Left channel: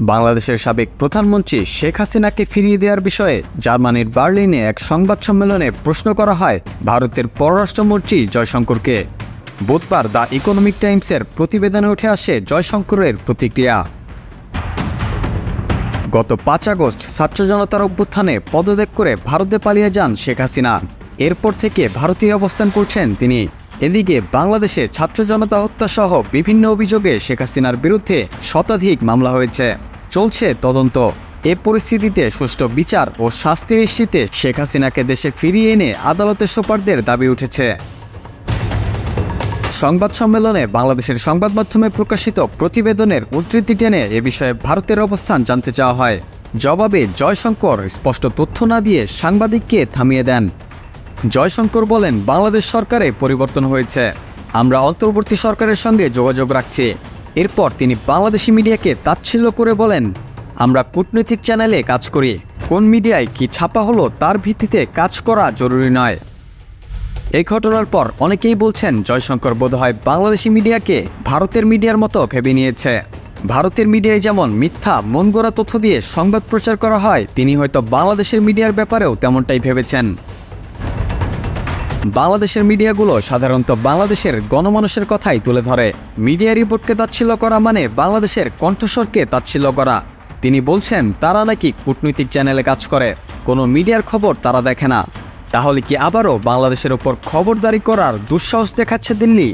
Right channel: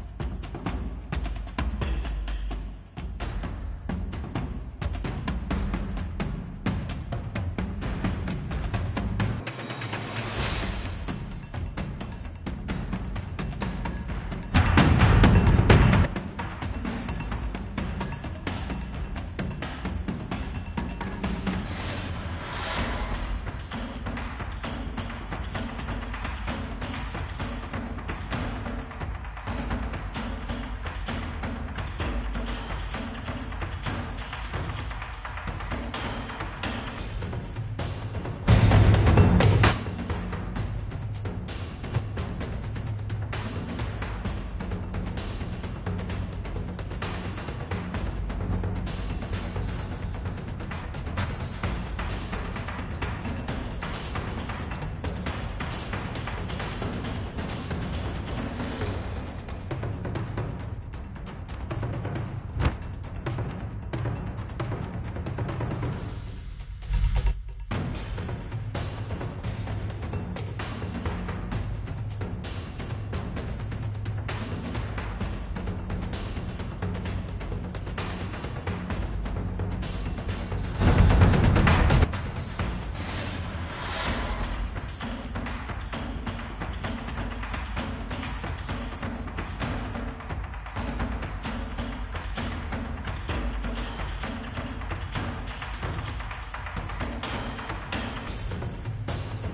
বাংলাদেশের সাবেক প্রধানমন্ত্রী শেখ হাসিনাকে ফিরিয়ে দেওয়ার বিষয়ে জার্মানির বার্লিনে এক সংবাদ সম্মেলনে প্রশ্ন করা হয় ভারতের পররাষ্ট্রমন্ত্রী জয়শঙ্করকে। বুধবার দ্য ইকোনমিক টাইমসের প্রতিবেদনে উঠে আসে জয়শঙ্করের প্রতিক্রিয়া। গত ৫ আগস্ট ছাত্র জনতার অভ্যুত্থানে পদত্যাগ করে ভারতে পালিয়ে যান শেখ হাসিনা। এরপর থেকে ভারতীয় অবস্থান করছেন তিনি। এদিকে বাংলাদেশে ছাত্র জনতা হত্যাসহ বিভিন্ন অভিযোগে শেখ হাসিনার বিরুদ্ধে শতাধিক মামলা হয়েছে, চলছে তদন্ত। এ পরিস্থিতিতে সুষ্ঠু বিচার ও শাস্তি নিশ্চিতে শেখ হাসিনাকে দেশে ফিরিয়ে এনে আদালতে সোপর্দের দাবি উঠেছে। সংবাদ সম্মেলনে বাংলাদেশের সংবাদ মাধ্যমে প্রকাশিত প্রতিবেদনের উদ্ধৃতি টেনে এ বিষয়ে ভারতের অবস্থান জানতে চাওয়া হয়। জবাবে জয়শঙ্কর স্পষ্ট তথ্য না দিয়ে সাংবাদিককে থামিয়ে দেন। জয়শঙ্কর বলেন, বাংলাদেশ সরকারে পরিবর্তন হয়েছে, আমরা অন্তর্বর্তী সরকারের সঙ্গে যোগাযোগ রাখছি। এরপর তিনি বাংলাদেশি মিডিয়াকে তাচ্ছিল্য করে বলেন, আমরা কূটনৈতিক চ্যানেলে কাজ করি, কোন মিডিয়ায় কি ছাপা হলো তার ভিত্তিতে কাজ করা জরুরি নয়। এই ঘটনার পর অনেকেই বলছেন জয়শঙ্কর বোধহয় বাংলাদেশি মিডিয়াকে ভারতের মিডিয়ার মতো ভেবে নিয়েছে। ভারতের মিডিয়ায় যেমন মিথ্যা মন গড়া তথ্য দিয়ে সংবাদ প্রচার করা হয়, তিনি হয়তো বাংলাদেশের মিডিয়ার ব্যাপারেও তেমনটাই ভেবেছেন। বাংলাদেশের মিডিয়াগুলো সাধারণত বাংলাদেশের গণমানুষের কথাই তুলে ধরে। মিডিয়া রিপোর্টকে তাচ্ছিল্য করা মানে বাংলাদেশের কণ্ঠস্বরকে তাচ্ছিল্য করা। তিনি বলছেন তারা নাকি কূটনৈতিক চ্যানেলে কাজ করে, কোনো মিডিয়ার খবর তারা দেখে না। তাহলে কি আবারও বাংলাদেশের ওপর খবরদারি করার দুঃসাহস দেখাচ্ছে দিল্লি?